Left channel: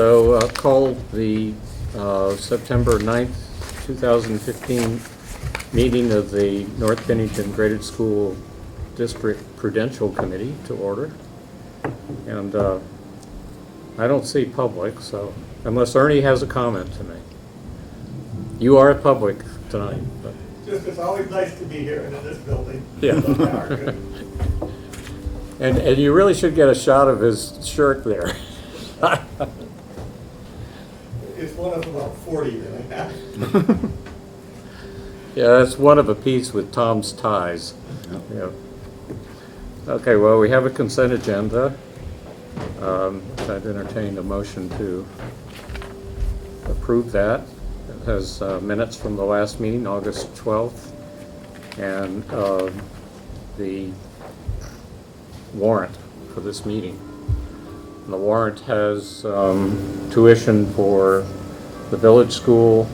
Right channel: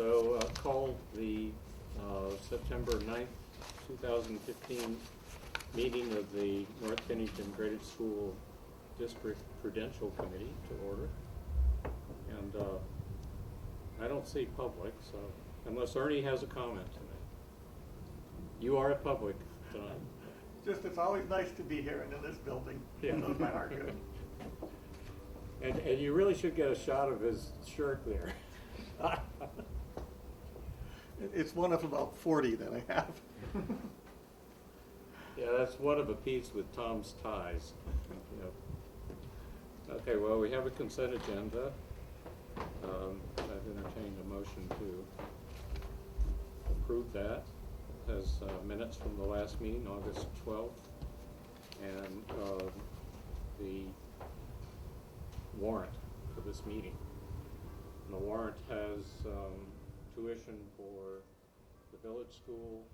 So call the September 9th, 2015 meeting of the North Bennington Graded School District Prudential Committee to order. And I don't see public, so unless Ernie has a comment to make. You are public tonight. But. Just it's always nice to be here in this building. Yeah. And you really should get a shot of his shirt there. It's one of about 40 that I have. Yeah, that's one of a piece with Tom's ties. Yep. Yeah. Okay, well, we have a consent agenda. I'd entertain a motion to approve that. It has minutes from the last meeting, August 12th, and the warrant for this meeting. And the warrant has tuition for the village school,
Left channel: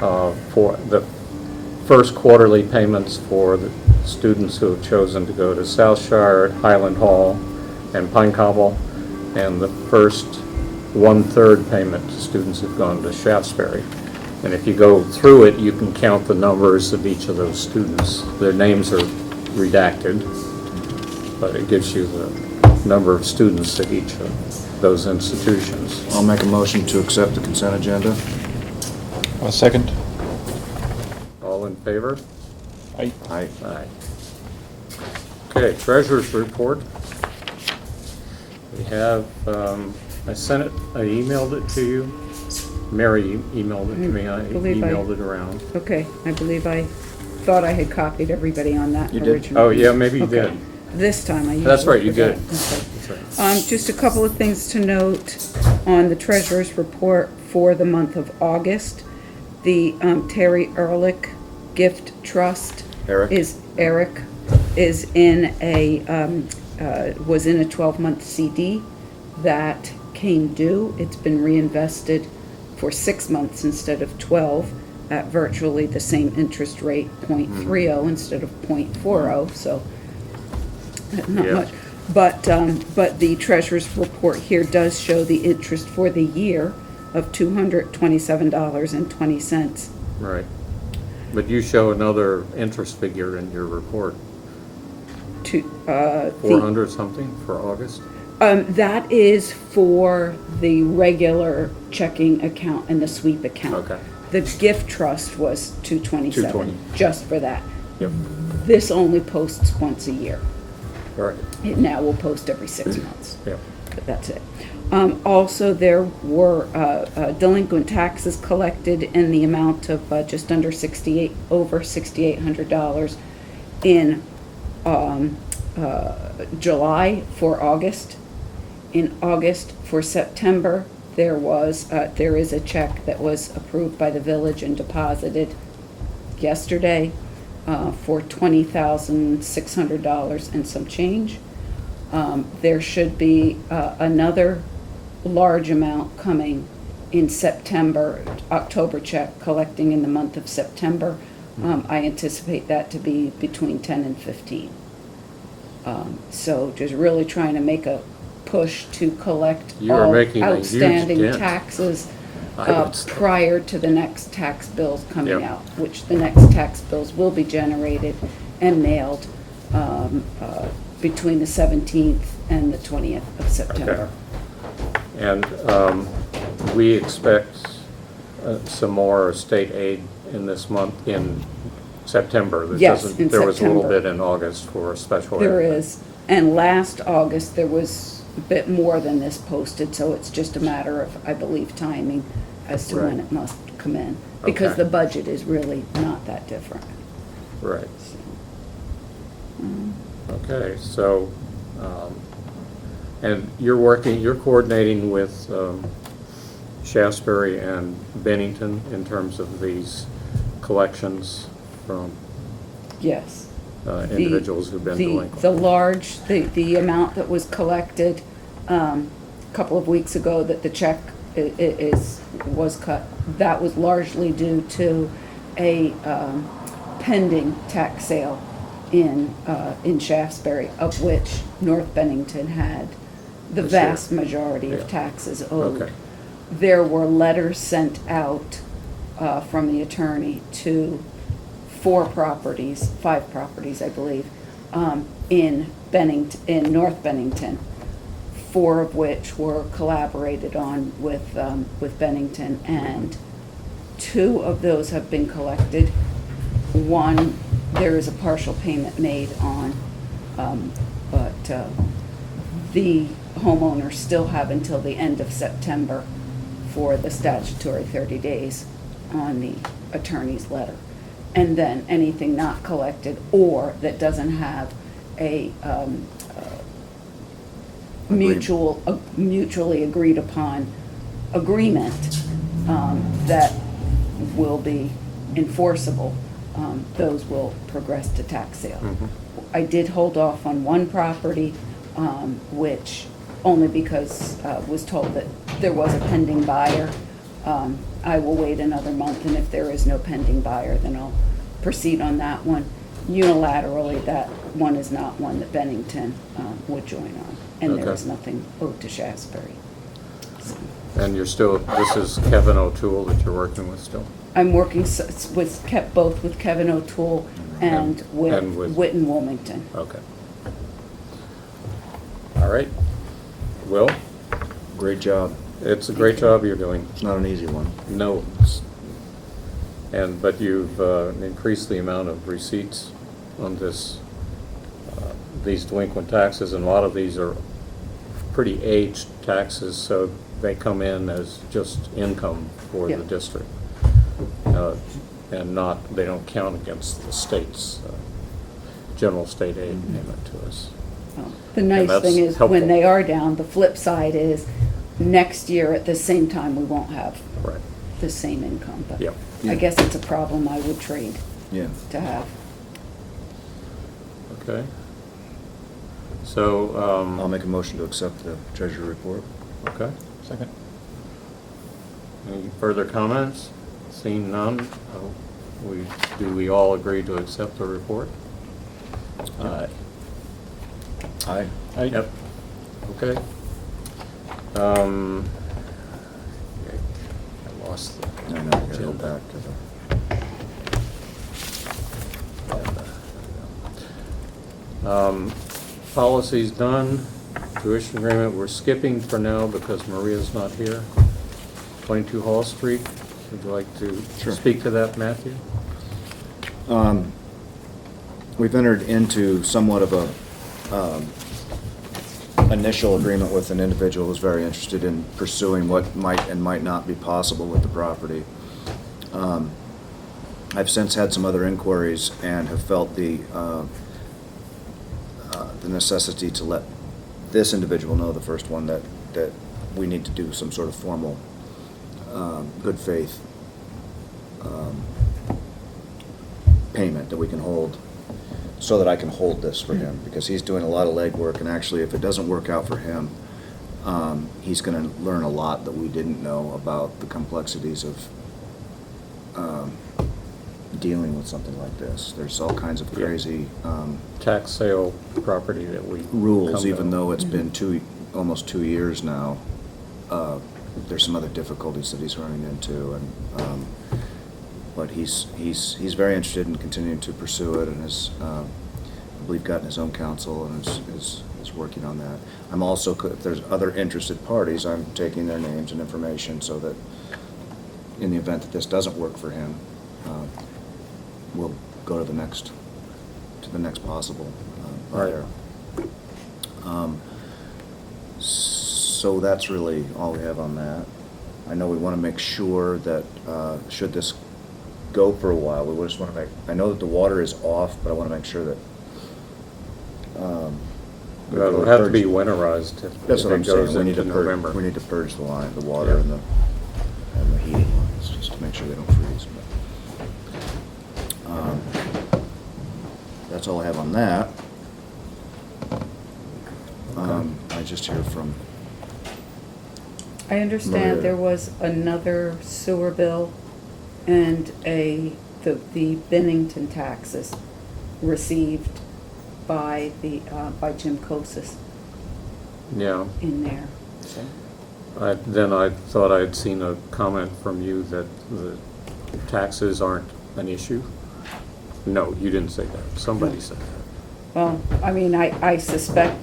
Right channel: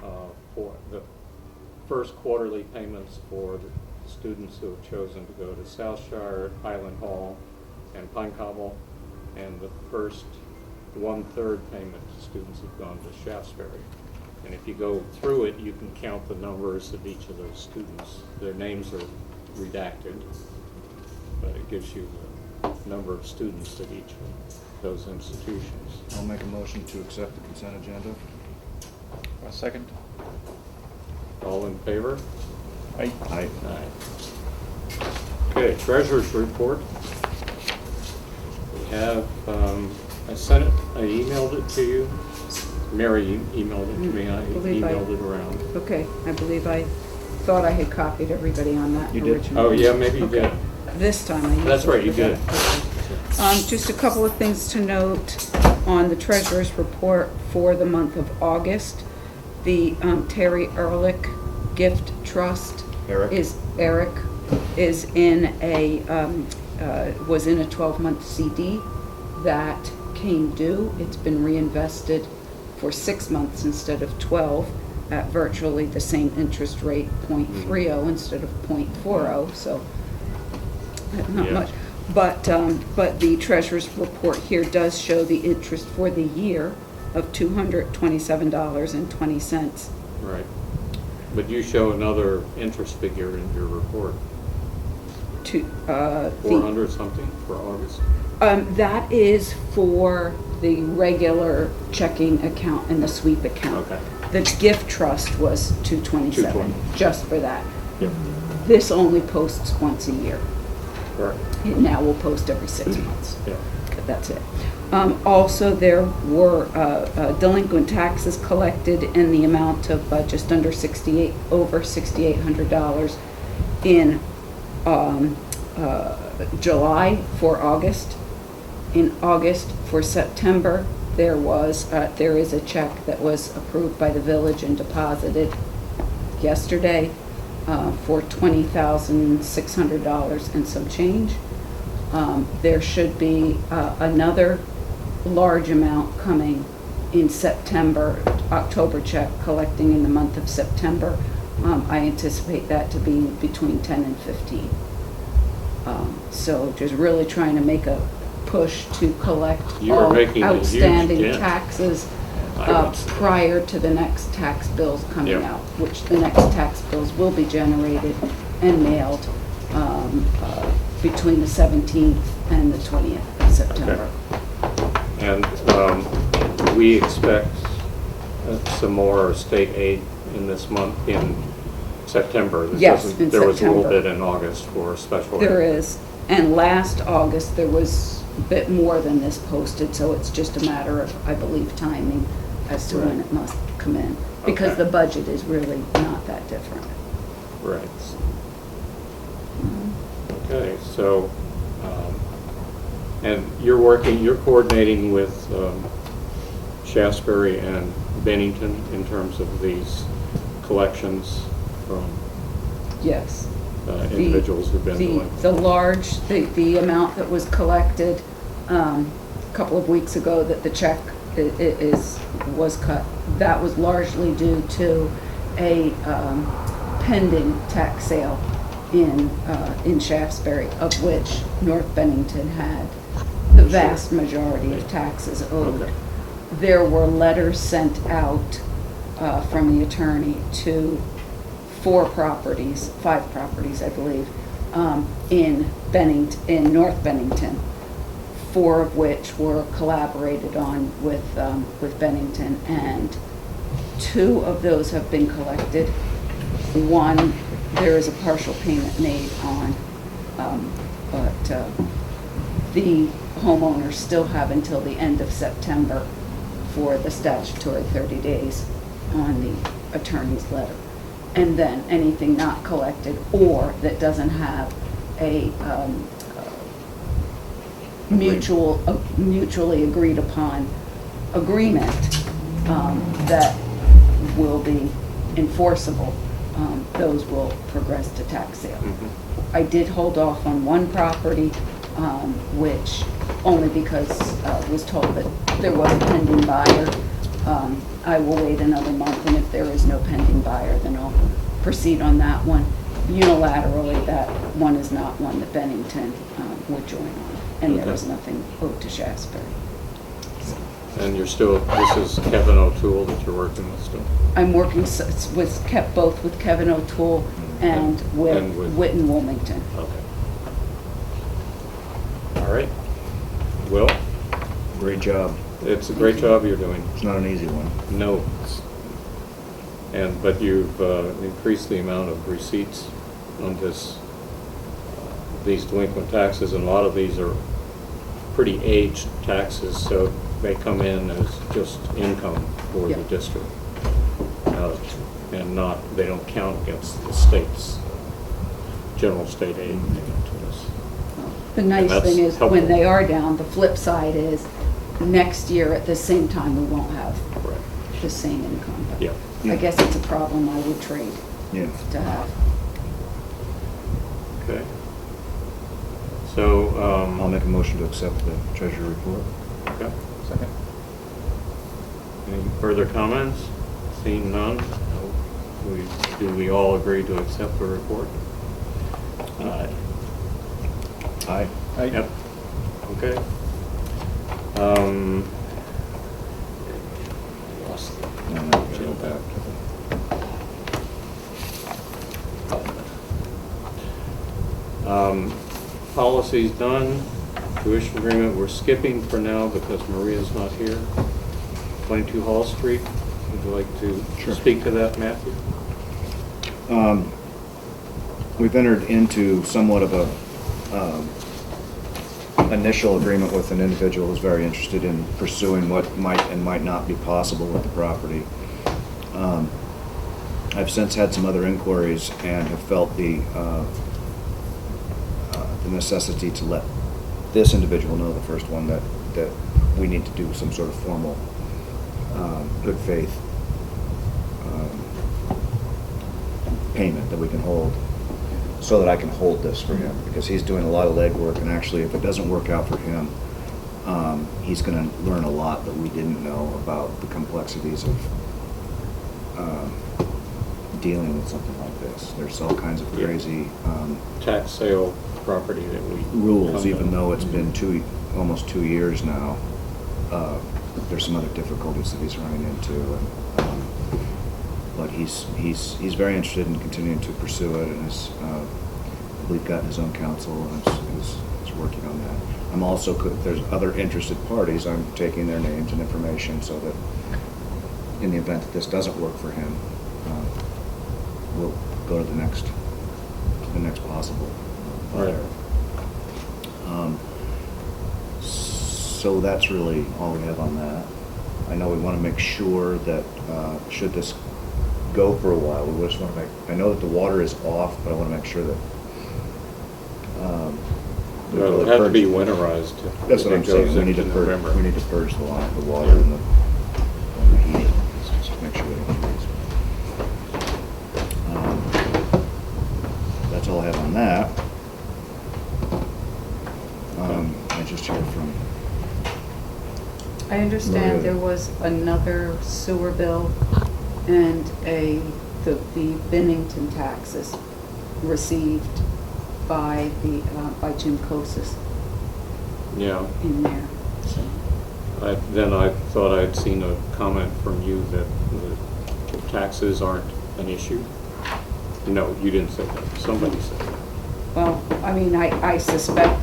for the first quarterly payments for the students who have chosen to go to Southshire, Highland Hall, and Pine Cobble, and the first 1/3 payment to students who've gone to Shaftesbury. And if you go through it, you can count the numbers of each of those students. Their names are redacted, but it gives you the number of students at each of those institutions. I'll make a motion to accept the consent agenda. A second. All in favor? Aye. Aye. Aye. Okay, treasurer's report. We have, I sent it, I emailed it to you. Mary emailed it to me, I emailed it around. Okay, I believe I thought I had copied everybody on that You did? originally. Oh, yeah, maybe you Okay. did. This time I usually That's right, you did. forget. Okay. That's right. Just a couple of things to note on the treasurer's report for the month of August. The Terry Ehrlich Gift Trust Eric? is in a was in a 12-month CD that came due. It's been reinvested for 6 months instead of 12 at virtually the same interest rate, 0.30 instead of 0.40. So not Yeah. much. But the treasurer's report here does show the interest for the year of $227.20. Right. But you show another interest figure in your report, To 400 something for August? that is for the regular checking account and the sweep account. Okay. The gift trust was 227, 220. just for that. Yep. This only posts once a year. All right. It now will post every 6 months. Yeah. But that's it. Also, there were delinquent taxes collected in the amount of just under over $6,800 in July for August. In August for September, there is a check that was approved by the village and deposited yesterday for $20,600 and some change. There should be another large amount coming in September, October check collecting in the month of September. I anticipate that to be between 10 and 15. So just really trying to make a push to collect You are all making a huge outstanding dent. taxes I would say. prior to the next tax bills coming Yep. out, which the next tax bills will be generated and mailed between the 17th and the 20th of September. And we expect some more state aid in this month, in September. Yes, There in was a little September. bit in August for special aid. There is, and last August, there was a bit more than this posted, so it's just a matter of, I believe, timing as to when Right. it must come in, because Okay. the budget is really not that different. Right. So, Okay, so, and you're coordinating with Shaftesbury and Bennington in terms of these collections from yes. individuals who've been delinquent. The amount that was collected a couple of weeks ago, that the check was cut, that was largely due to a pending tax sale in Shaftesbury, of which North Bennington had the vast majority of taxes owed. Okay. there were letters sent out from the attorney to 5 properties, I believe, in Bennington, in North Bennington, 4 of which were collaborated on with Bennington, and 2 of those have been collected. 1, there is a partial payment made on, but the homeowners still have until the end of September for the statutory 30 days on the attorney's letter. And then anything not collected or that doesn't have a mutually agreed upon agreement that will be enforceable, those will progress to tax sale. Mhm. I did hold off on 1 property, which only because was told that there was a pending buyer. I will wait another month, and if there is no pending buyer, then I'll proceed on that one. Unilaterally, that one is not one that Bennington would join on, and there Okay. is nothing owed to Shasberry. And you're still, this is Kevin O'Toole that you're working with still? I'm working both with Kevin O'Toole and with And with- Witten Wilmington. Okay. All right. Will, Great job. it's a great job you're doing. It's not an easy one. No. But you've increased the amount of receipts on this, these delinquent taxes, and a lot of these are pretty aged taxes, so they come in as just income for the Yeah. district. And not, they don't count against the state's general state aid payment to us. The And nice that's thing is, helpful. when they are down, the flip side is, next year at the same time, we won't have Correct. the same income. But Yep. Yeah. I guess it's a problem I would trade Yeah. to have. Okay. So, I'll make a motion to accept the treasury report. okay. Second. Any further comments? Seeing none, do we all agree to accept the report? Aye. Aye. Yep. Okay. I lost I know, gotta go back to Policy's done. Tuition agreement, we're skipping for now because Maria's not here. 22 Hall Street, would you like to Sure. speak to that, Matthew? We've entered into somewhat of a initial agreement with an individual who's very interested in pursuing what might and might not be possible with the property. I've since had some other inquiries and have felt the necessity to let this individual know, the first one, that we need to do some sort of formal good faith payment that we can hold, so that I can hold this for him, because he's doing a lot of legwork, and actually, if it doesn't work out for him, he's gonna learn a lot that we didn't know about the complexities of dealing with something like this. There's all kinds of Yeah. crazy Tax sale property that we. rules, come to. even though it's been almost 2 years now. There's some other difficulties that he's running into, and but he's very interested in continuing to pursue it, and has, I believe, gotten his own counsel and is working on that. I'm also, if there's other interested parties, I'm taking their names and information, so that in the event that this doesn't work for him, we'll go to the next possible buyer. So that's really all we have on that. I know we want to make sure that, should this go for a while, we just want to I know that the water is off, but I want to make sure that. It'll have to be winterized. That's what if I'm it goes saying, we need to into purge, November. we need to purge the line, the water Yeah. and the heating, just to make sure they don't freeze. That's all I have on that. I just heard from, I understand Maria. there was another sewer bill and the Bennington taxes received by Jim Kosis Yeah. in there. So, Then I thought I had seen a comment from you that the taxes aren't an issue. No, you didn't say that. Somebody said that. Well, I mean, I suspect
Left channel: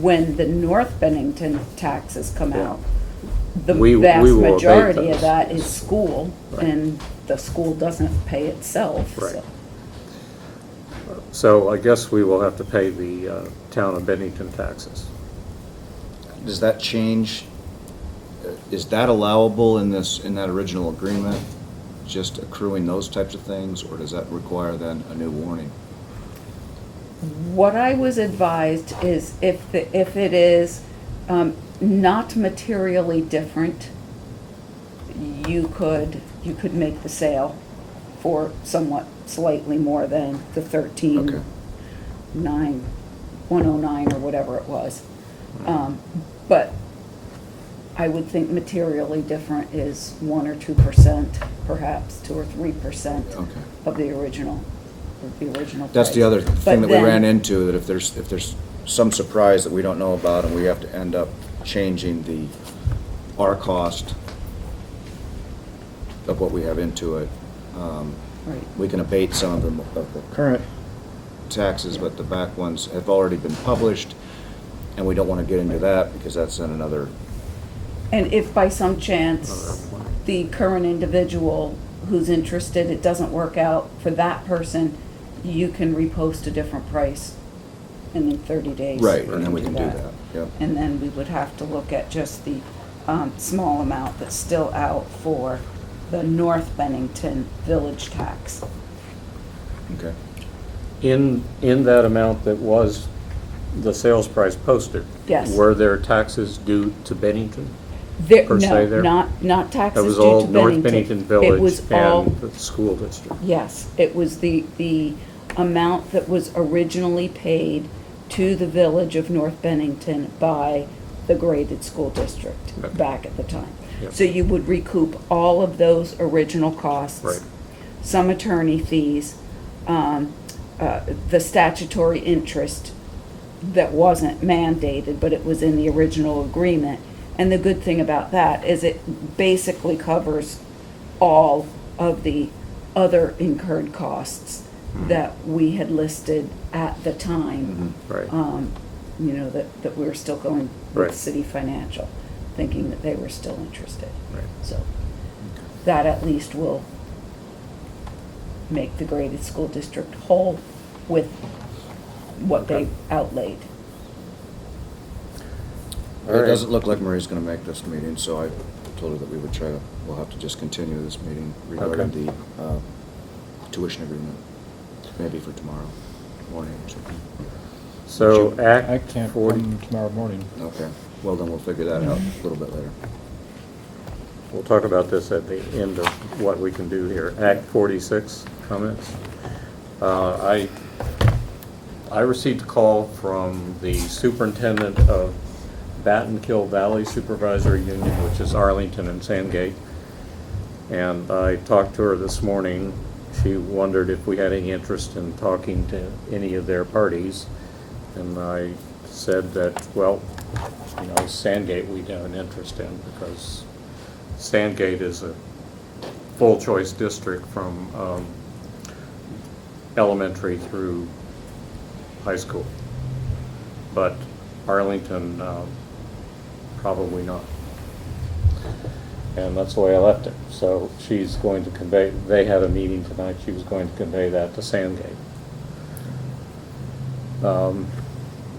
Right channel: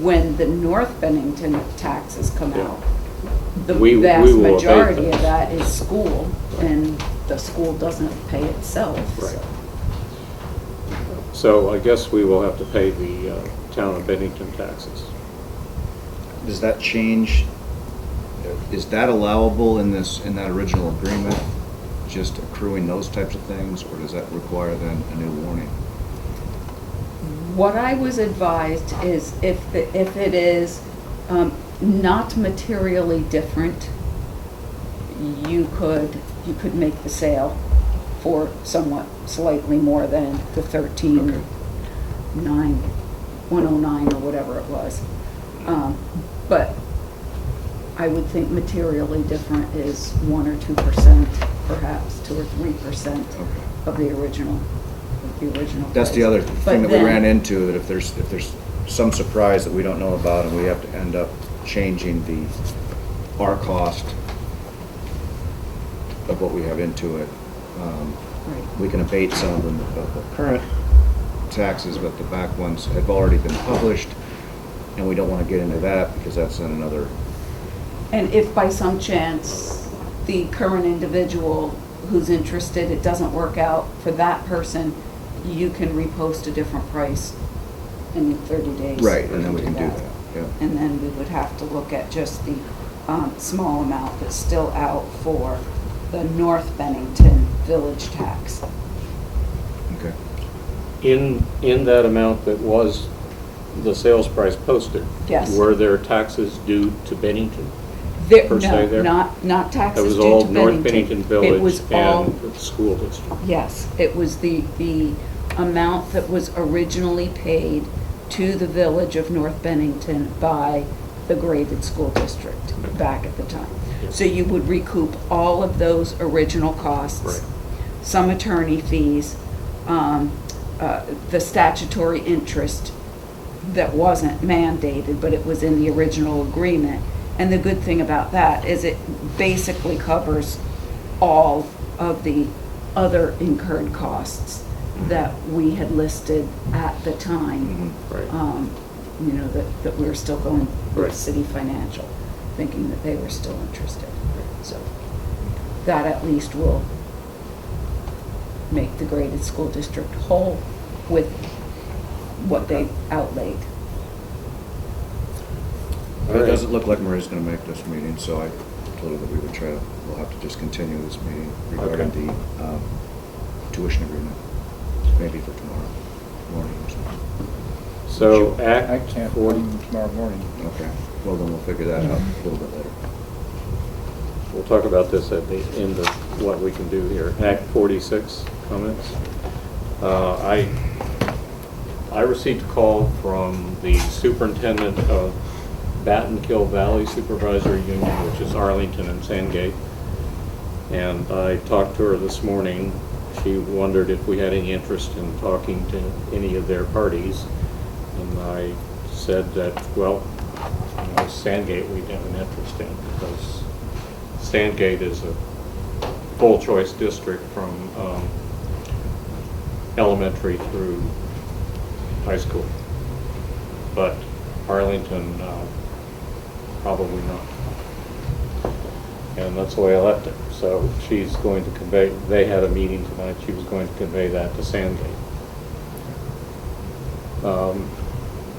when the North Bennington taxes come Yeah. out, the We vast will abate majority those. of that is school, Right. and the school doesn't pay itself, Right. so. So I guess we will have to pay the town of Bennington taxes. Does that change, is that allowable in that original agreement? Just accruing those types of things, or does that require then a new warning? What I was advised is if it is not materially different, you could make the sale for somewhat slightly more than the Okay. 13,900 or whatever it was. But I would think materially different is 1 or 2%, perhaps 2 or 3% Okay. of the original That's the price. other But thing that we then- ran into, that if there's some surprise that we don't know about and we have to end up changing our cost of what we have into it, Right. we can abate some of the current taxes, but the back ones have already been published, and we don't want to get into that because that's then another, And if by some chance the current individual who's interested, it doesn't work out for that person, you can repost a different price in 30 days. right, you and then we can do that. that, yeah. And then we would have to look at just the small amount that's still out for the North Bennington village tax. Okay. In that amount that was the sales price posted? Yes. Were there taxes due to Bennington? There, Per se no, there? not taxes That was due all to North Bennington It Village was all, and the school district? yes, it was the amount that was originally paid to the village of North Bennington by the graded school district Okay. back at the time. Yep. So you would recoup all of those original costs. Right. Some attorney fees, the statutory interest that wasn't mandated, but it was in the original agreement. And the good thing about that is it basically covers all of the other incurred costs that we had listed at the time. Right. You know, that we were still going with Right. City Financial, thinking that they were still interested. Right. So that at least will make the graded school district whole with what they outlaid. All It right. doesn't look like Marie's gonna make this meeting, so I told her that we would we'll have to just continue this meeting regarding Okay. the tuition agreement, maybe for tomorrow morning or something. So I Act can't 40, come tomorrow morning. Okay, well, then we'll figure that out a little bit later. we'll talk about this at the end of what we can do here. Act 46 comments. I received a call from the superintendent of Battenkill Valley Supervisory Union, which is Arlington and Sandgate. And I talked to her this morning. She wondered if we had any interest in talking to any of their parties. And I said that, well, you know, Sandgate we'd have an interest in, because Sandgate is a full choice district from elementary through high school. But Arlington, probably not. And that's the way I left it. So she's going to convey, they had a meeting tonight, she was going to convey that to Sandgate.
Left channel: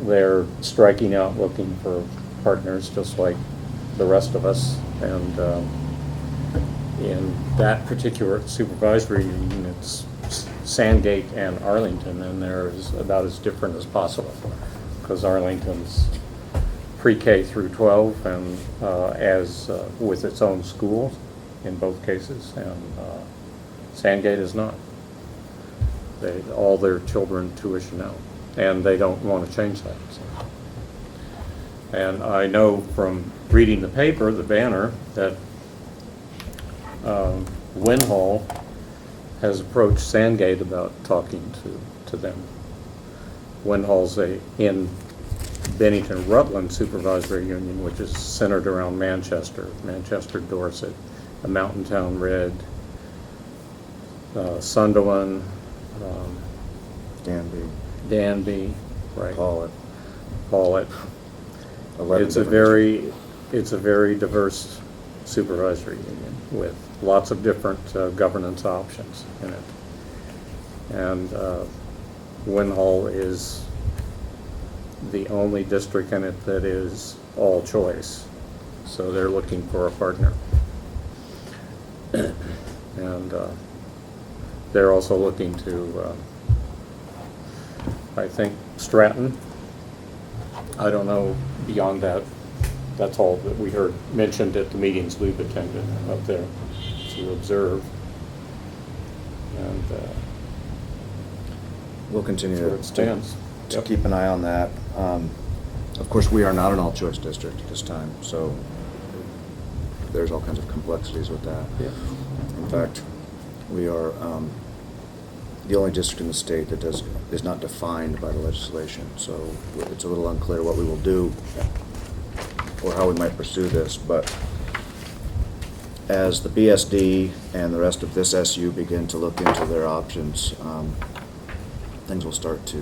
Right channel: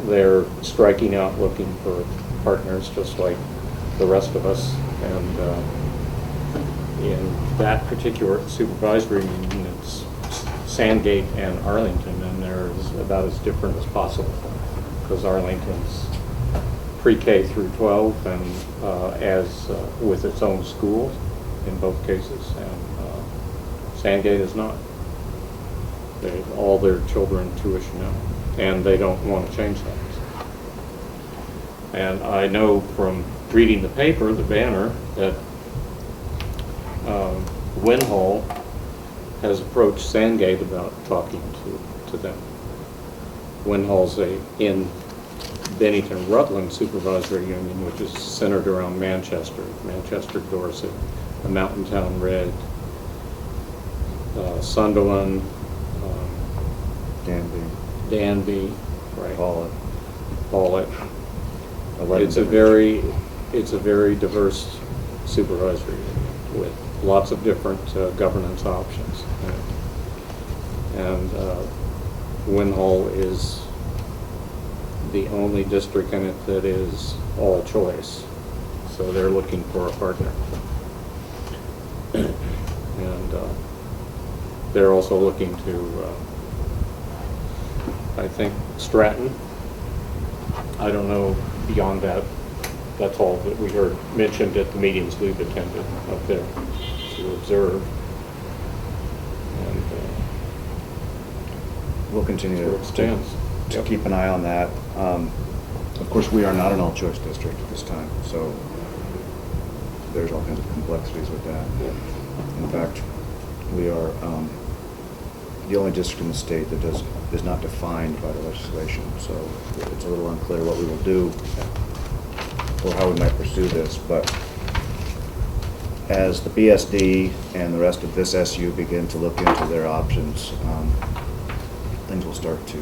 They're striking out looking for partners, just like the rest of us. And in that particular supervisory meeting, it's Sandgate and Arlington, and they're about as different as possible, because Arlington's pre-K through 12 and with its own schools in both cases, and Sandgate is not. All their children tuition out, and they don't want to change that. And I know from reading the paper, the banner, that Winhall has approached Sandgate about talking to them. Winhall's in Bennington Rutland Supervisory Union, which is centered around Manchester, Dorset, the Mountain Town Red, Sunderland, Danby, right, Paulet. It's a very diverse supervisory union with lots of different governance options in it. And Winhall is the only district in it that is all choice. So they're looking for a partner. And they're also looking to, I think, Stratton. I don't know beyond that. That's all that we heard mentioned at the meetings we've attended up there to observe. And We'll continue where it stands. to Yep. keep an eye on that. Of course, we are not an all-choice district at this time, so there's all kinds of complexities with that. Yeah. In fact, we are the only district in the state that is not defined by the legislation, so it's a little unclear what we will do or how we might pursue this, but as the BSD and the rest of this SU begin to look into their options, things will start to,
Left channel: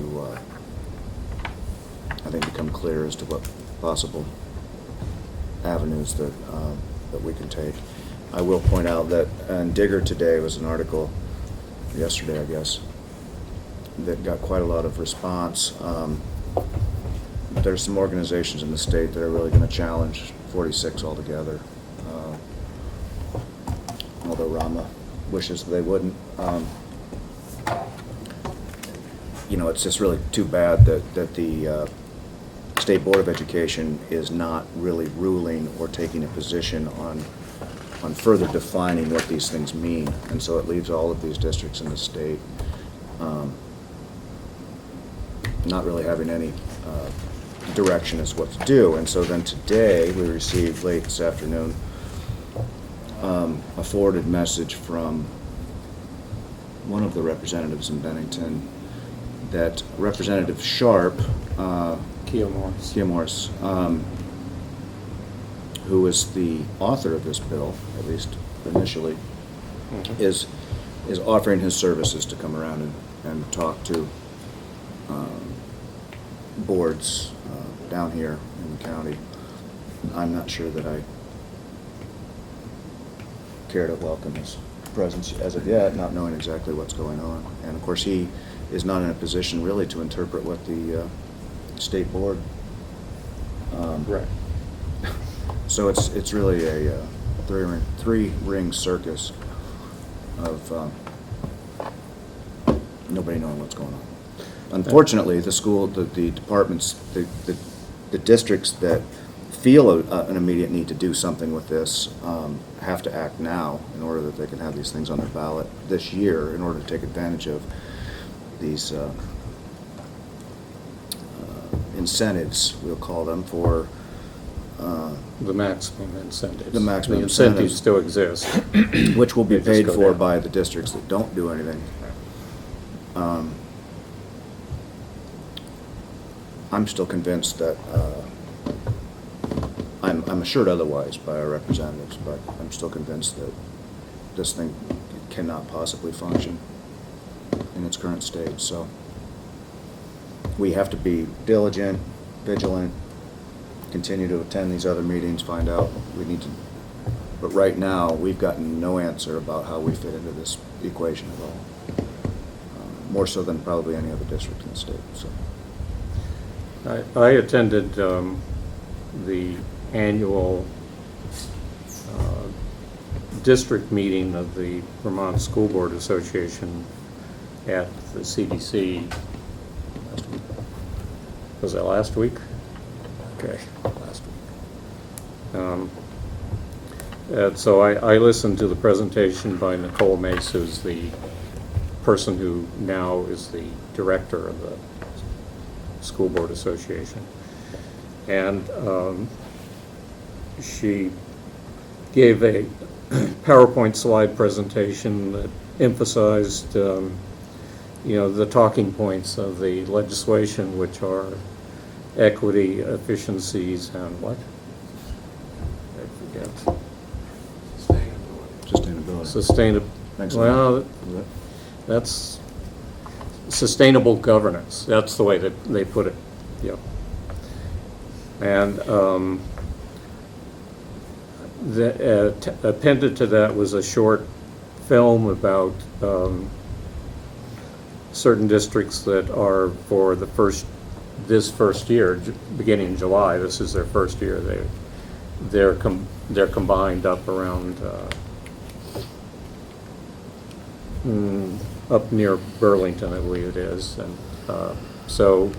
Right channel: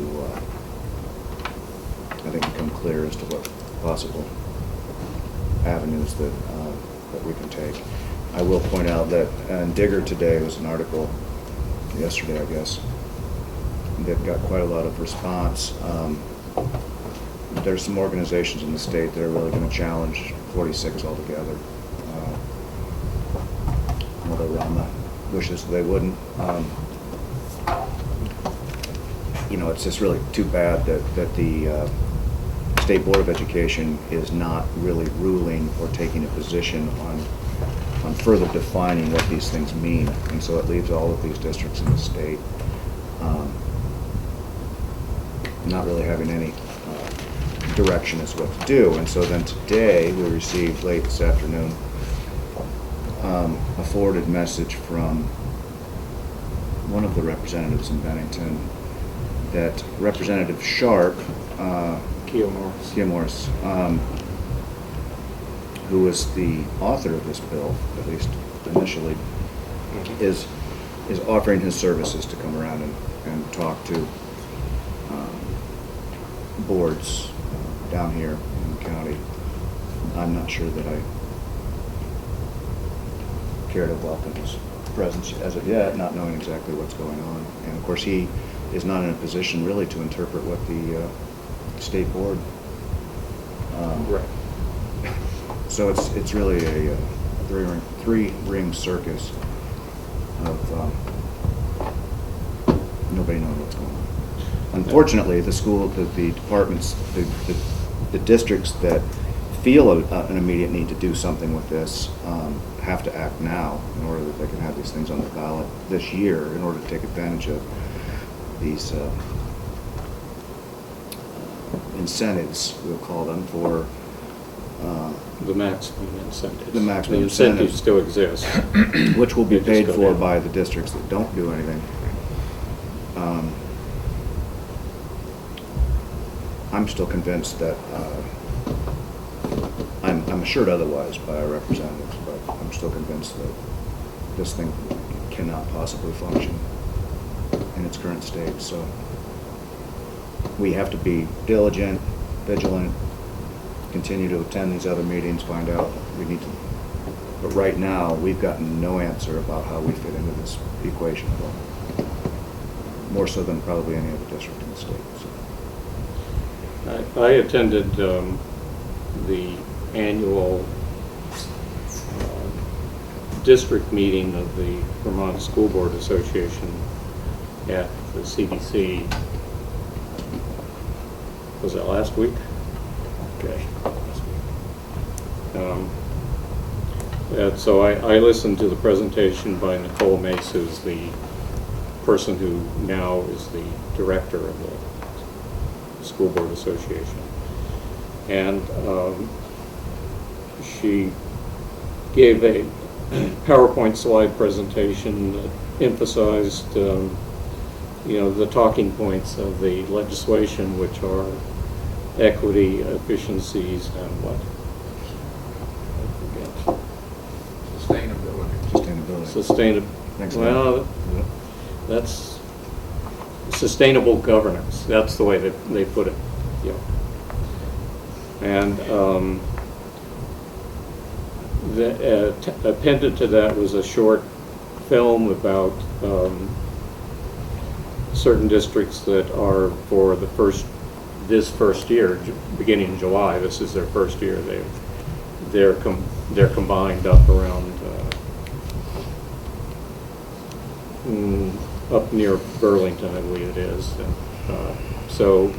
I think, become clear as to what possible avenues that we can take. I will point out that in Digger today was an article, yesterday I guess, that got quite a lot of response. There's some organizations in the state that are really going to challenge 46 altogether, although Rama wishes they wouldn't. You know, it's just really too bad that the State Board of Education is not really ruling or taking a position on further defining what these things mean, and so it leaves all of these districts in the state not really having any direction as to what to do. And so then today we received late this afternoon a forwarded message from one of the representatives in Bennington that Representative Sharp, Keo Morris. Who was the author of this bill, at least initially, is offering his services to come around and talk to boards down here in the county. I'm not sure that I care to welcome his presence as of yet, not knowing exactly what's going on. And of course, he is not in a position really to interpret what the state board. Right. So it's really a three-ring circus of nobody knowing what's going on. Unfortunately, the departments, the districts that feel an immediate need to do something with this have to act now in order that they can have these things on their ballot this year in order to take advantage of these incentives, we'll call them, for The maximum incentives. The maximum The incentives incentives. still exist. which will be They just paid go for down. by the districts that don't do anything. I'm still convinced that, I'm assured otherwise by our representatives, but I'm still convinced that this thing cannot possibly function in its current state. So we have to be diligent, vigilant, continue to attend these other meetings, find out what we need to. But right now, we've gotten no answer about how we fit into this equation at all. More so than probably any other district in the state. So. I attended the annual district meeting of the Vermont School Board Association at the CDC. Was that last week? Okay, last week. So I listened to the presentation by Nicole Mace, who's the person who now is the director of the School Board Association. And she gave a PowerPoint slide presentation that emphasized, the talking points of the legislation, which are equity, efficiencies, and what? I forget. Sustainability. Next Well, that's sustainable governance. That's the way that they put it. Yeah. And appended to that was a short film about certain districts that are for this first year, beginning in July. This is their first year. They're combined up around up near Burlington, I believe it is, and so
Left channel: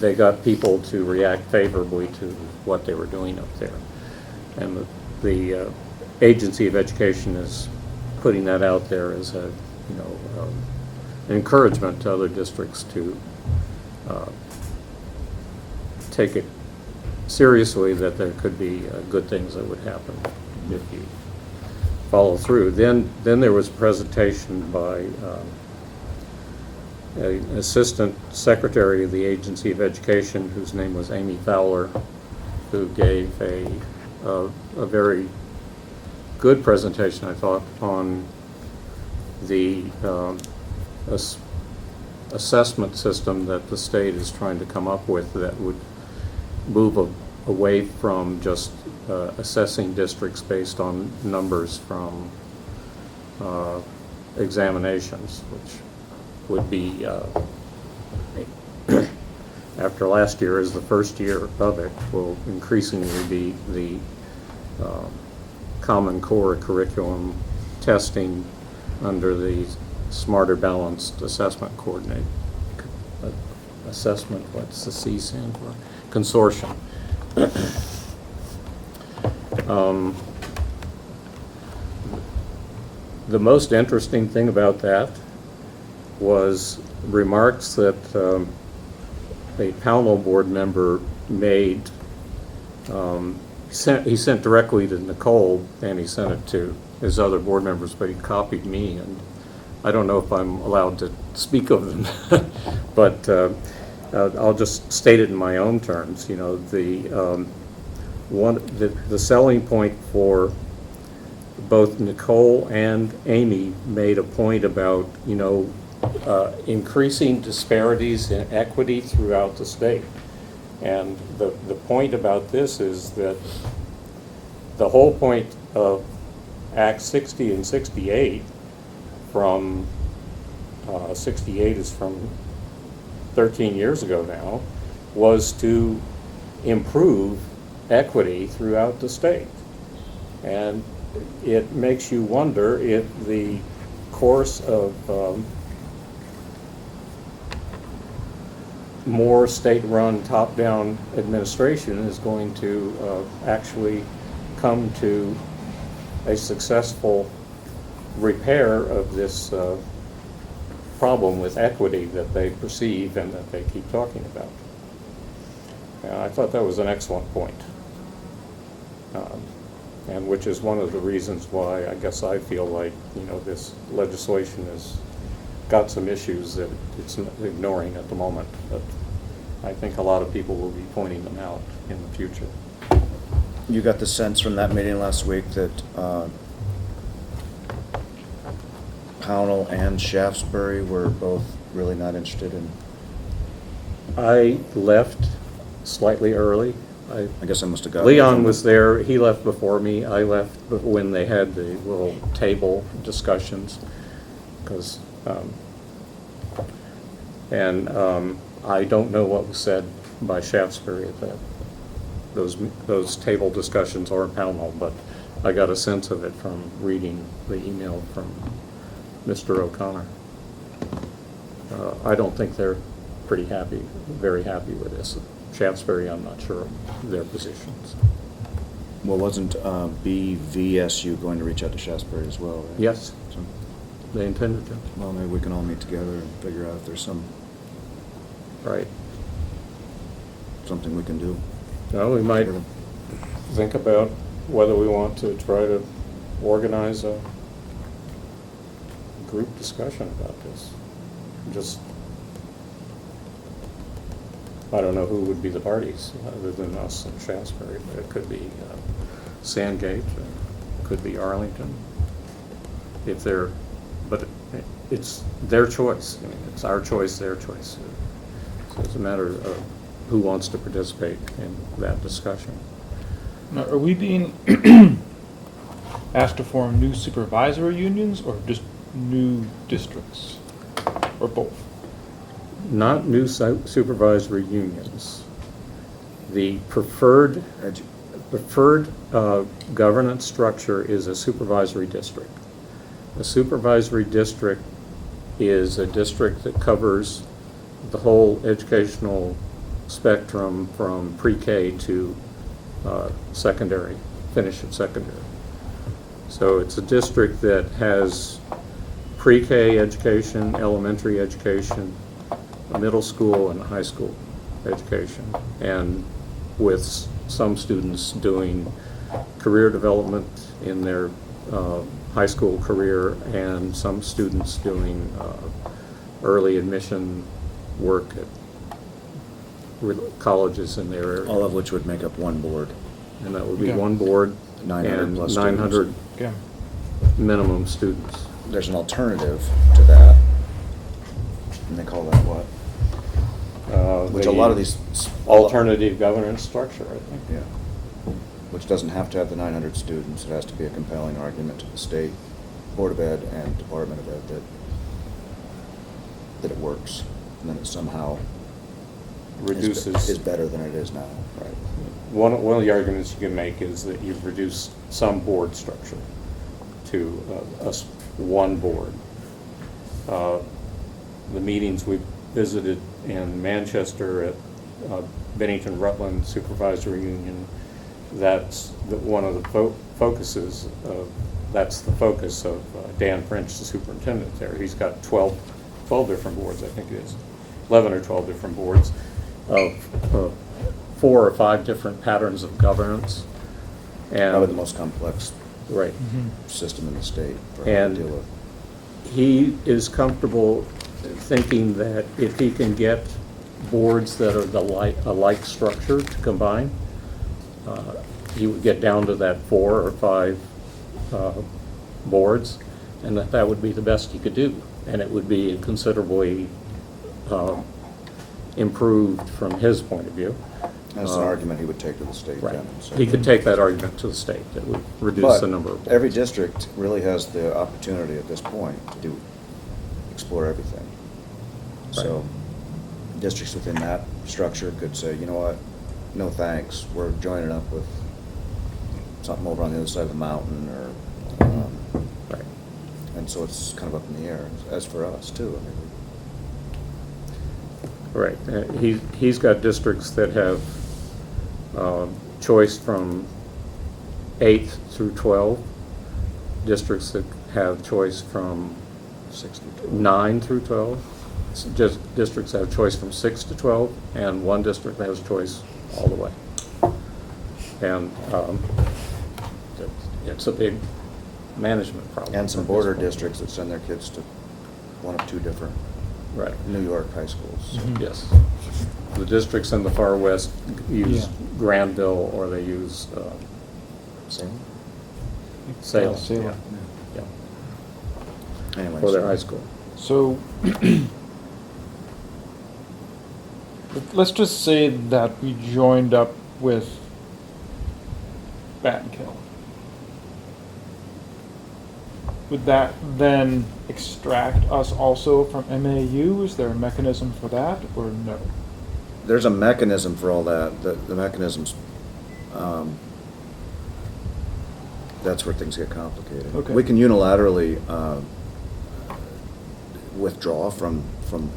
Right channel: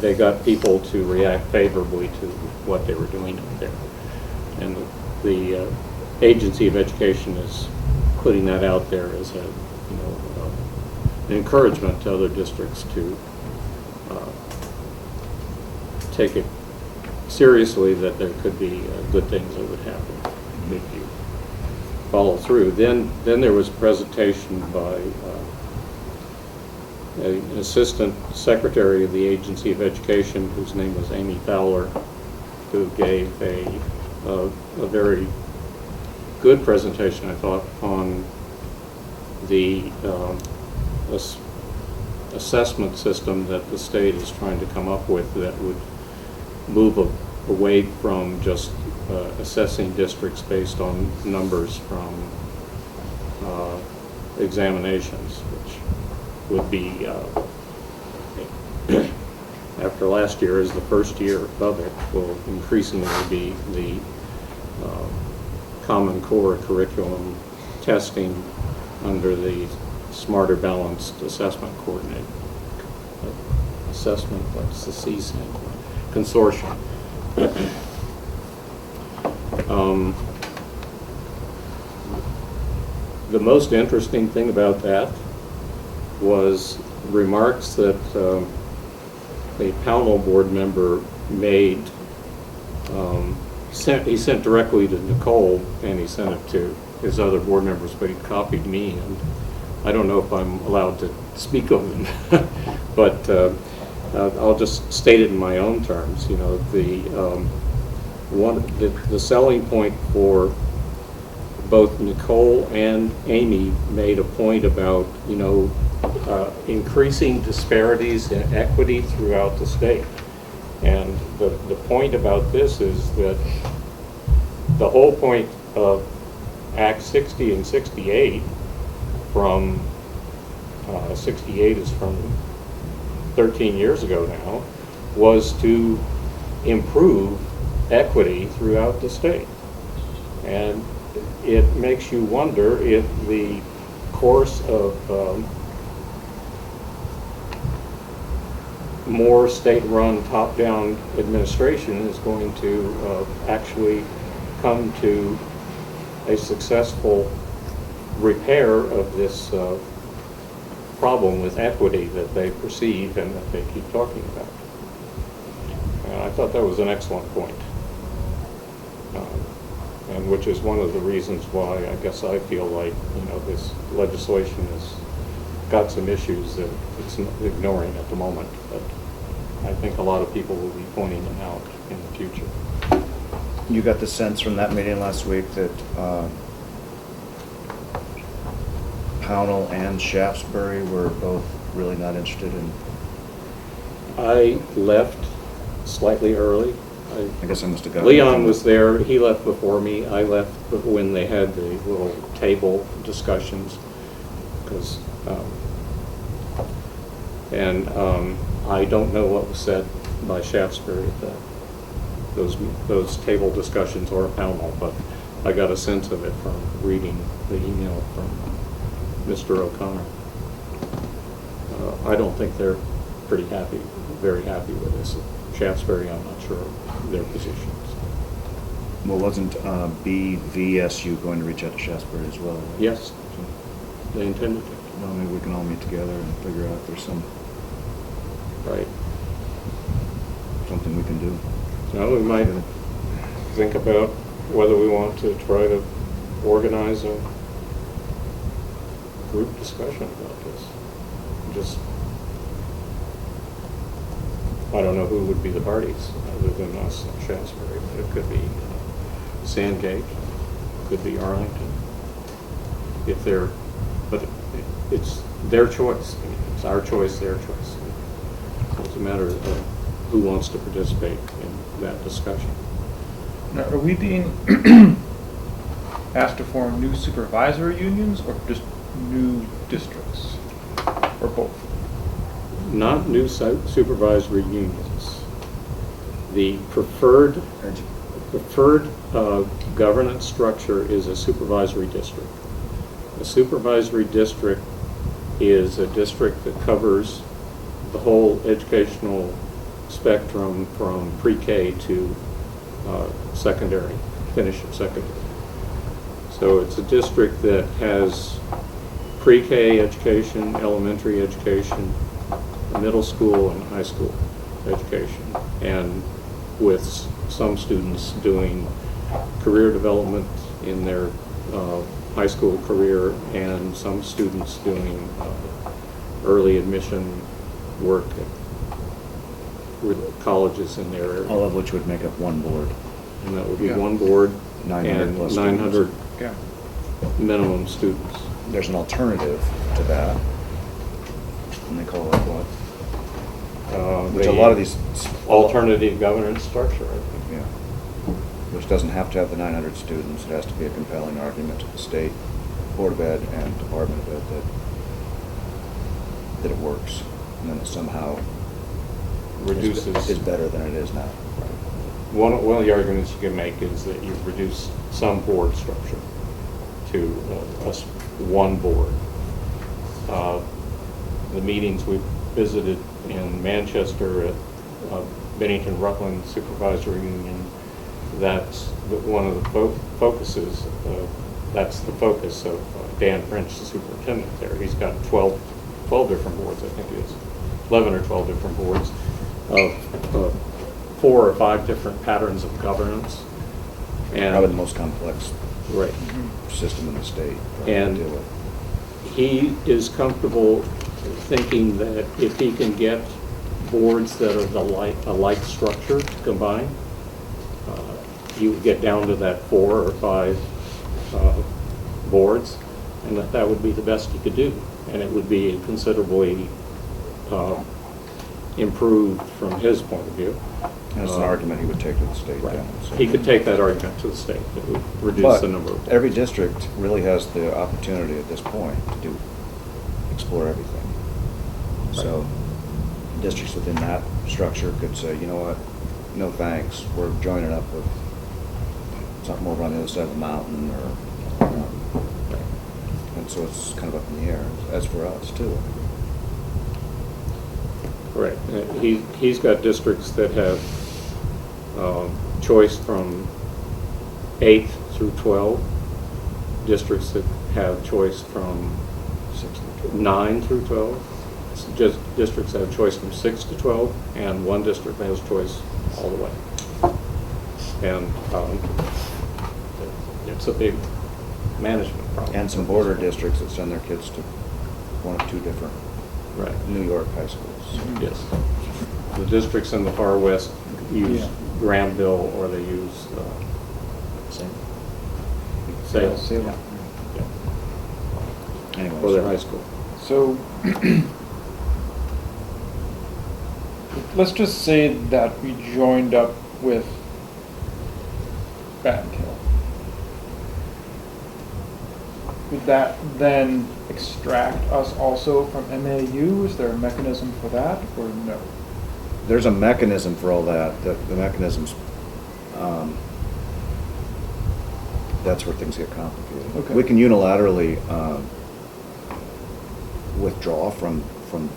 they got people to react favorably to what they were doing up there, and the Agency of Education is putting that out there as an encouragement to other districts to take it seriously, that there could be good things that would happen if you follow through. Then there was a presentation by an assistant secretary of the Agency of Education, whose name was Amy Fowler, who gave a very good presentation, I thought, on the assessment system that the state is trying to come up with that would move away from just assessing districts based on numbers from examinations, which would be, after last year is the first year of it, will increasingly be the Common Core curriculum testing under the Smarter Balanced Assessment Coordinate. Assessment, what's the C stand for? Consortium. The most interesting thing about that was remarks that a Pownell board member made. He sent directly to Nicole, and he sent it to his other board members, but he copied me, and I don't know if I'm allowed to speak of them, but I'll just state it in my own terms. You know, the selling point for both Nicole and Amy made a point about, increasing disparities in equity throughout the state. And the point about this is that the whole point of Act 60 and 68 from 68 is from 13 years ago now, was to improve equity throughout the state. And it makes you wonder if the course of more state-run, top-down administration is going to actually come to a successful repair of this problem with equity that they perceive and that they keep talking about. And I thought that was an excellent point, and which is one of the reasons why I guess I feel like, this legislation has got some issues that it's ignoring at the moment, but I think a lot of people will be pointing them out in the future. You got the sense from that meeting last week that Pownell and Shaftesbury were both really not interested in? I left slightly early. I guess I must have got... Leon was there. He left before me. I left when they had the little table discussions, because I don't know what was said by Shaftesbury at that. Those table discussions or Pownell, but I got a sense of it from reading the email from Mr. O'Connor. I don't think they're very happy with this. Shaftesbury, I'm not sure of their positions. Well, wasn't BVSU going to reach out to Shaftesbury as well? Right? Yes, So, they intended to. well, maybe we can all meet together and figure out if there's Right. something we can do. Well, we might think about whether we want to try to organize a group discussion about this. Just I don't know who would be the parties other than us and Shasberry. It could be Sandgate, it could be Arlington. If they're, but it's their choice. I mean, it's our choice, their choice. So it's a matter of who wants to participate in that discussion. Now, are we being asked to form new supervisory unions or just new districts? Or both? Not new supervisory unions. The preferred governance structure is a supervisory district. A supervisory district is a district that covers the whole educational spectrum from pre-K to secondary, finish at secondary. So it's a district that has pre-K education, elementary education, middle school and high school education, and with some students doing career development in their high school career, and some students doing early admission work at colleges in their area. All of which would make up one board. And that would be Yeah. one board 900 and plus 900 Yeah. minimum students. There's an alternative to that, and they call that what? Which a lot of these... Alternative governance structure, I think. Yeah. Which doesn't have to have the 900 students. It has to be a compelling argument to the state Board of Ed and Department of Ed that it works, and then it somehow Reduces. is better than it is now. Right. One of the arguments you can make is that you've reduced some board structure to one board. The meetings we visited in Manchester at Bennington Rutland Supervisory Union, that's one of the focuses of, that's the focus of Dan French, the superintendent there. He's got 12 different boards, I think it is, 11 or 12 different boards of 4 or 5 different patterns of governance. And Probably the most complex right. system in the state for And to deal with. he is comfortable thinking that if he can get boards that are a like structure to combine, he would get down to that 4 or 5 boards, and that would be the best he could do. And it would be considerably improved from his point of view. That's an argument he would take to the state. Right. then, so. He could take that argument to the state. It would reduce But the number of. every district really has the opportunity at this point to explore everything. So districts within that structure could say, you know what, no thanks, we're joining up with something over on the other side of the mountain, or, Right. and so it's kind of up in the air, as for us too. Right. He's got districts that have choice from 8th through 12, districts that have choice from 9 through 12, just districts that have choice from 6 to 12, and one district that has choice all the way. And it's a big management problem. And some border districts that send their kids to one of 2 different Right. New York high schools. Yes. The districts in the far west use Yeah. Granville, or they use Salem. Salem. Yeah. Yeah. Anyways. For their high school. So, let's just say that we joined up with Bennington. Would that then extract us also from MAU? Is there a mechanism for that, or no? There's a mechanism for all that. The mechanisms, that's where things get complicated. Okay. We can unilaterally withdraw from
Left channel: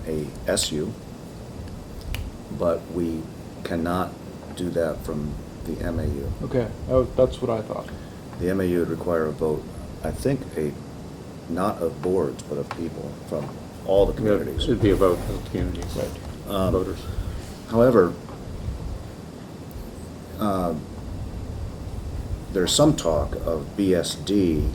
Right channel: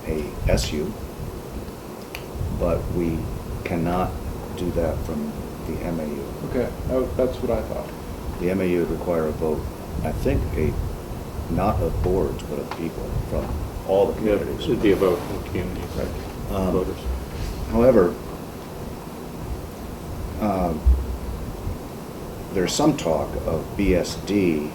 a SU, but we cannot do that from the MAU. Okay, that's what I thought. The MAU would require a vote, I think, not of boards, but of people from all the Yeah, communities. it'd be a vote in the communities, voters. However, there's some talk of BSD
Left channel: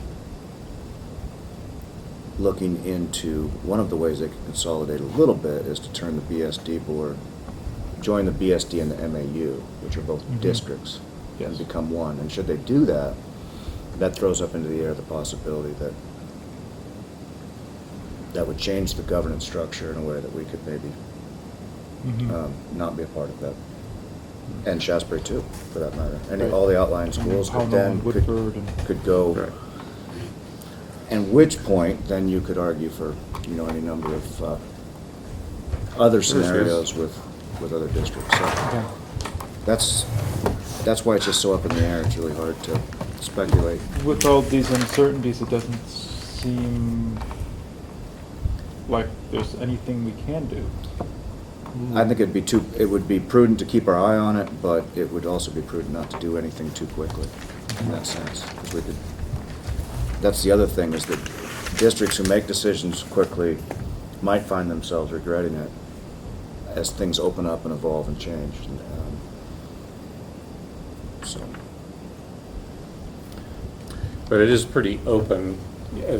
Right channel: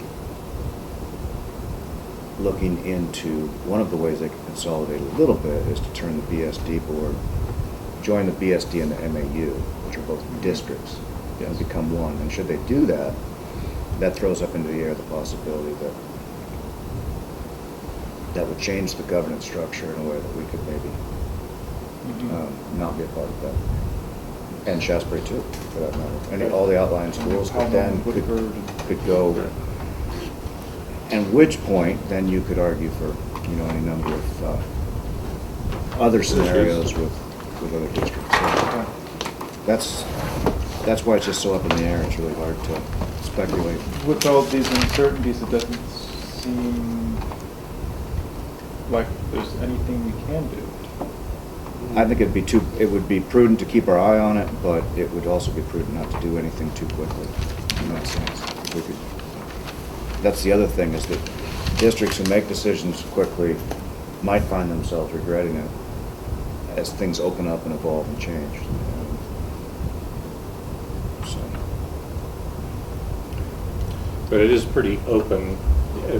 looking into, one of the ways they could consolidate a little bit is to turn the BSD board join the BSD and the MAU, which are both districts, and become one. And should they do that, that throws up into the air the possibility that that would change the governance structure in a way that we could maybe not be a part of that. And Shasbury too, for that matter. All the outlying schools could then could go. And which point, then you could argue for, any number of other scenarios with other districts. So that's why it's just so up in the air. It's really hard to speculate. With all these uncertainties, it doesn't seem like there's anything we can do. I think it would be prudent to keep our eye on it, but it would also be prudent not to do anything too quickly in that sense. That's the other thing, is that districts who make decisions quickly might find themselves regretting it as things open up and evolve and change. So. But it is pretty open.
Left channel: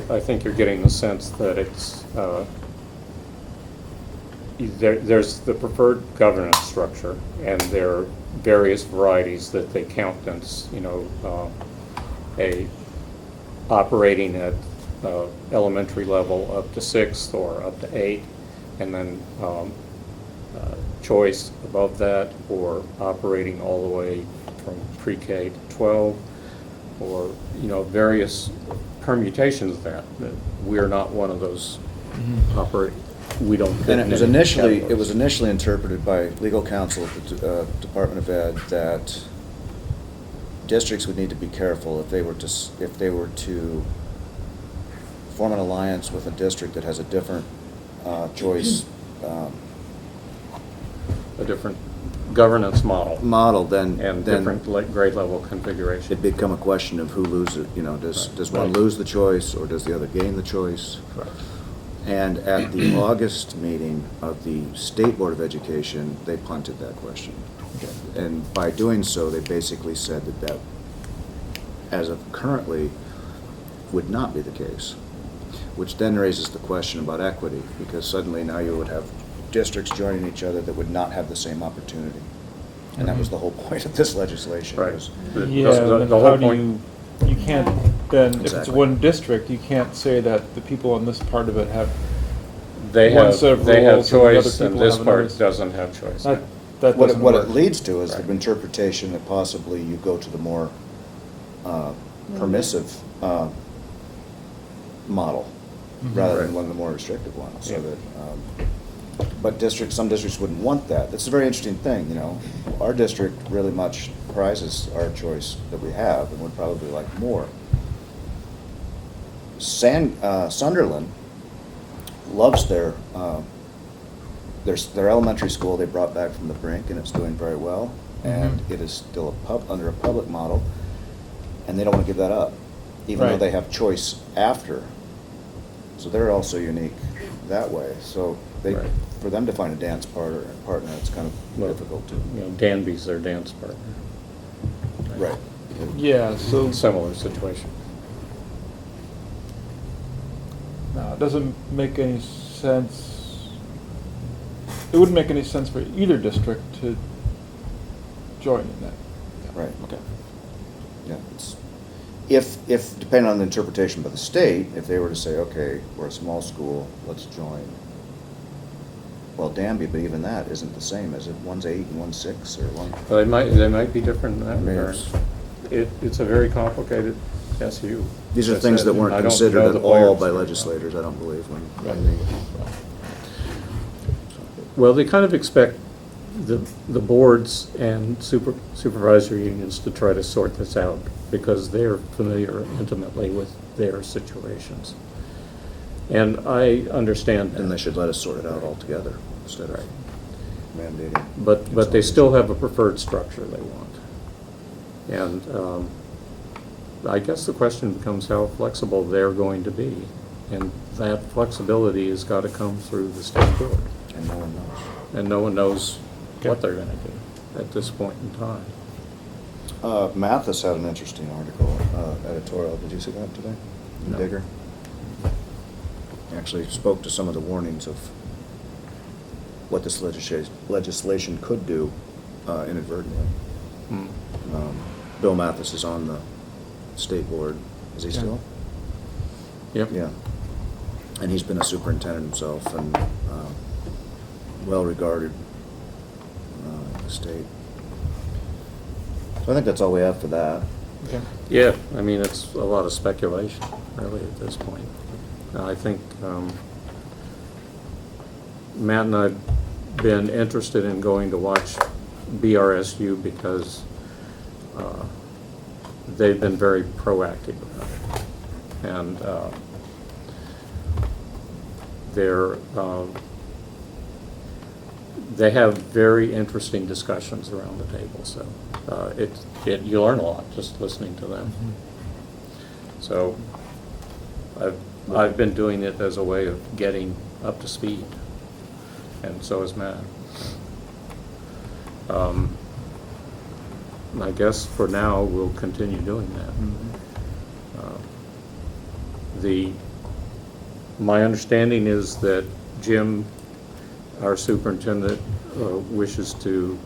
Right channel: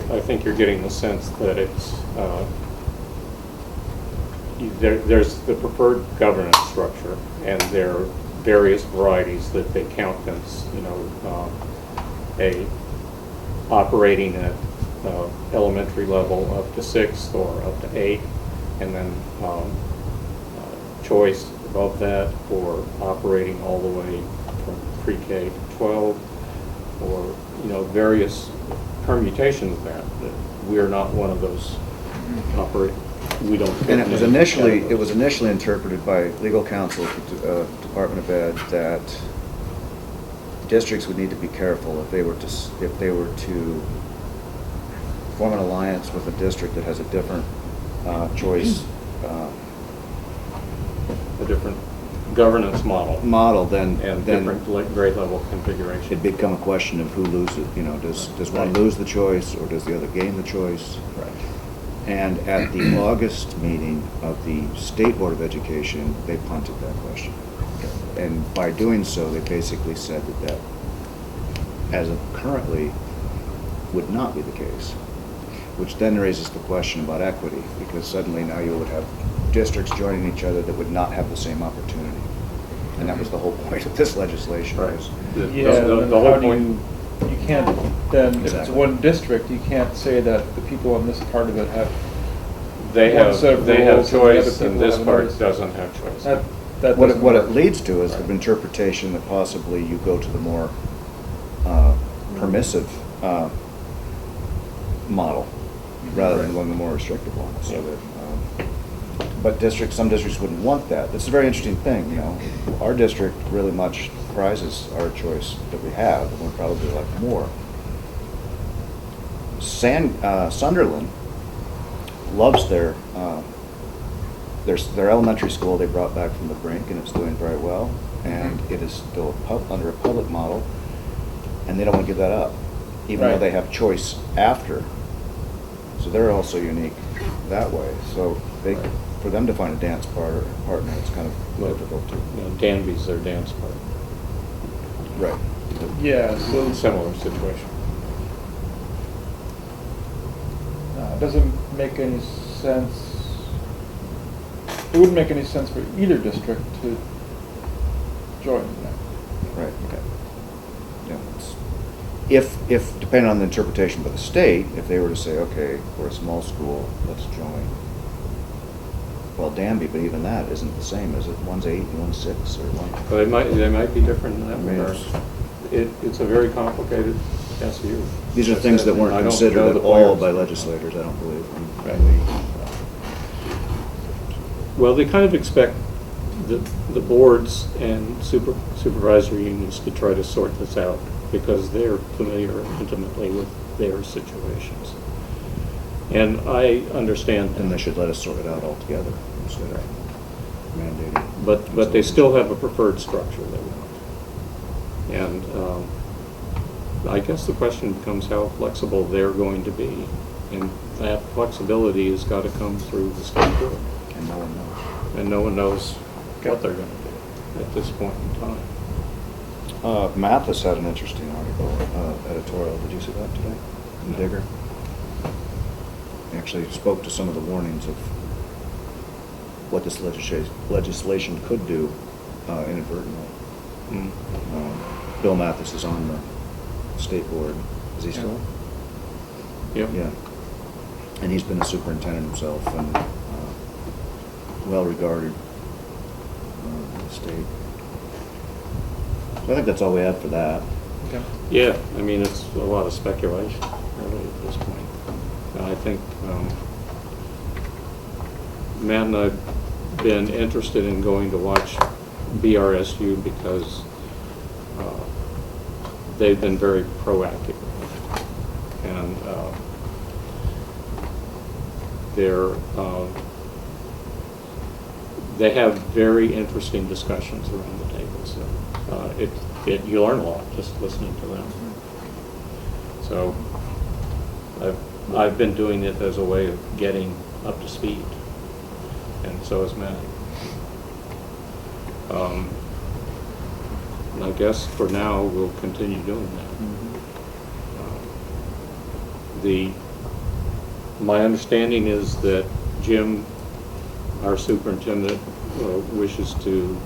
I think you're getting the sense that it's, there's the preferred governance structure, and there are various varieties that they count as, a operating at elementary level up to 6th or up to 8th, and then choice above that, or operating all the way from pre-K to 12, or various permutations of that we're not one of those we don't. And it was initially interpreted by legal counsel at the Department of Ed that districts would need to be careful if they were to form an alliance with a district that has a different choice, a different governance model then different grade level configuration. It'd become a question of who loses. Does one lose the choice, or does the other gain the choice? Right. And at the August meeting of the State Board of Education, they punted that question. And by doing so, they basically said that as of currently, would not be the case, which then raises the question about equity, because suddenly now you would have districts joining each other that would not have the same opportunity. And that was the whole point of this legislation. Right. Was The whole point. You can't then, if it's Exactly. one district, you can't say that the people on this part of it have They one have set of they have rules and the other choice, and people this have part another. doesn't have choice. That what doesn't it work. leads to is Right. the interpretation that possibly you go to the more permissive model rather than one of the more restrictive ones. So Yeah. that, but some districts wouldn't want that. It's a very interesting thing, Our district really much prizes our choice that we have, and would probably like more. Sunderland loves their elementary school they brought back from the brink, and it's doing very well. And it is still under a public model, and they don't want to give that up, even though Right. they have choice after. So they're also unique that way. So Right. for them to find a dance partner, it's kind of Well, difficult too. Danby's their dance part. Right. Yeah, so Similar situation. no, it doesn't make any sense. It wouldn't make any sense for either district to join that. Right. Okay. Yeah. If depending on the interpretation by the state, if they were to say, okay, we're a small school, let's join. Well, Danby, but even that isn't the same, is it? One's 8 and one's 6, or one. Well, they might be different in that regard. Yes. It's a very complicated SU. These are As I things said, that weren't I don't know considered the at all players. by legislators, I don't believe. Right. Well, they kind of expect the boards and supervisory unions to try to sort this out, because they're familiar intimately with their situations. And I understand And they that. should let us sort it out altogether instead of mandating. But they still have a preferred structure they want. And I guess the question becomes how flexible they're going to be. And that flexibility has got to come through the state board. And no one knows. And no one knows what they're going to do at this point in time. Mathis had an interesting article, editorial. Did you see that today? In No. Digger. He actually spoke to some of the warnings of what this legislation could do inadvertently. Mm. Bill Mathis is on the state board. Is he still? Yep. Yeah. And he's been a superintendent himself and well-regarded in the state. So I think that's all we have for that. Okay. Yeah, I mean, it's a lot of speculation, really, at this point. I think Matt and I've been interested in going to watch BRSU because they've been very proactive. And they have very interesting discussions around the table. So you learn a lot just listening to them. So I've been doing it as a way of getting up to speed, and so has Matt. I guess for now we'll continue doing that. My understanding is that Jim, our superintendent, wishes to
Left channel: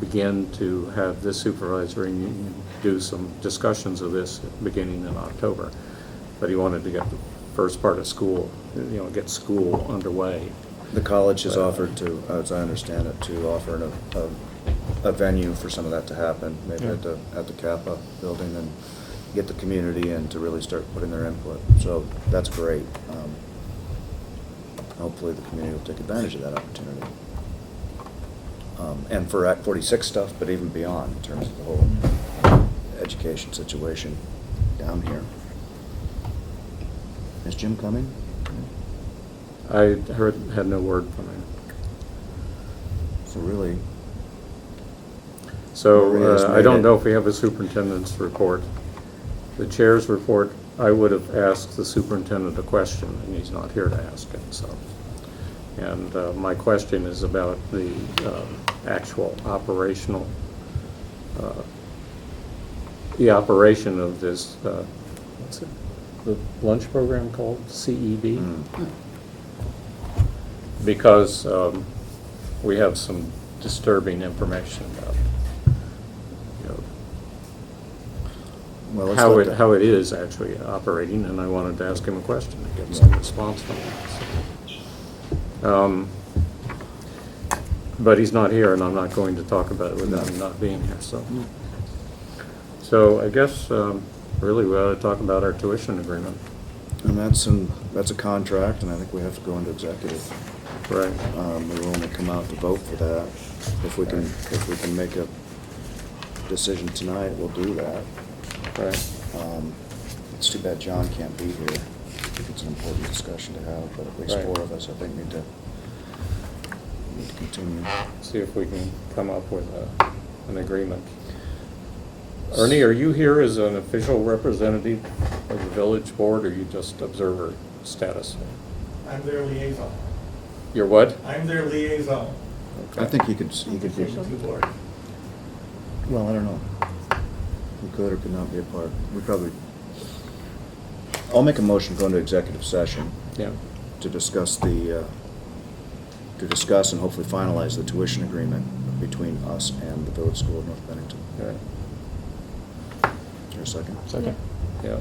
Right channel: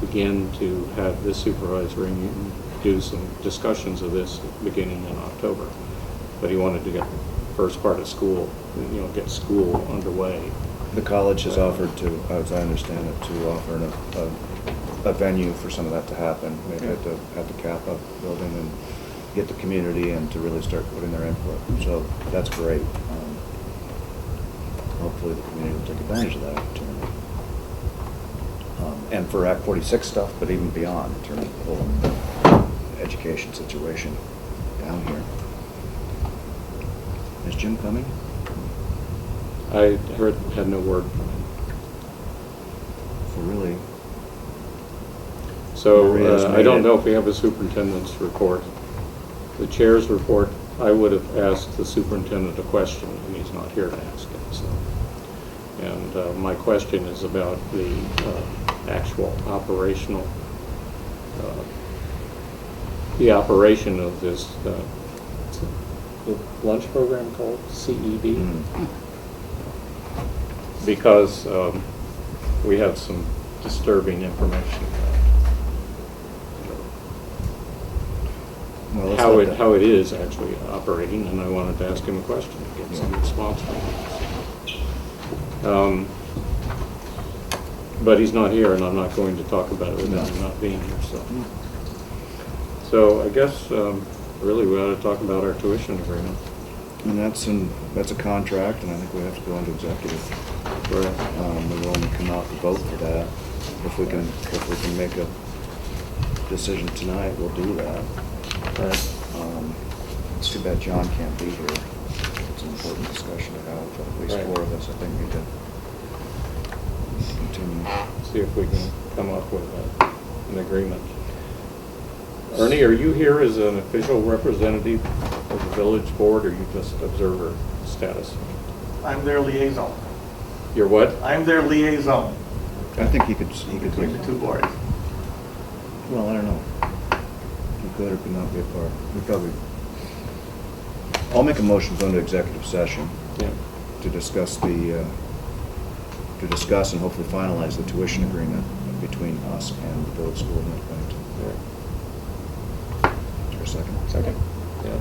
begin to have this supervisory union do some discussions of this beginning in October. But he wanted to get the first part of school, get school underway. The college has offered to, as I understand it, to offer a venue for some of that to happen, maybe at the Kappa building, and get the community in to really start putting their input. So that's great. Hopefully the community will take advantage of that opportunity. And for Act 46 stuff, but even beyond in terms of the whole education situation down here. Is Jim coming? I had no word from him. So really, So Maria has I made don't it. know if we have a superintendent's report. The chair's report, I would have asked the superintendent a question, and he's not here to ask it. So, and my question is about the actual operational, the operation of this. What's it, the lunch program called CEB? mm, Because we have some disturbing information about well, let's how let it is actually operating, and I wanted to ask him a question and get some response from him. But he's not here, and I'm not going to talk about it without him not being here. So I guess really we ought to talk about our tuition agreement. And that's a contract, and I think we have to go into executive. Right. We will only come out to vote for that. If we can make a decision tonight, we'll do that. Right. It's too bad John can't be here. It's an important discussion to have, but at least Right. 4 of us, I think, need to continue. See if we can come up with an agreement. Ernie, are you here as an official representative of the village board, or you just observer status? I'm their liaison. You're what? I'm their liaison I think he could between the two boards. well, I don't know. He could or could not be a part. I'll make a motion to go into executive session Yeah. to discuss and hopefully finalize the tuition agreement between us and the village school of North Bennington. All right. Is there a second? Second. Yeah.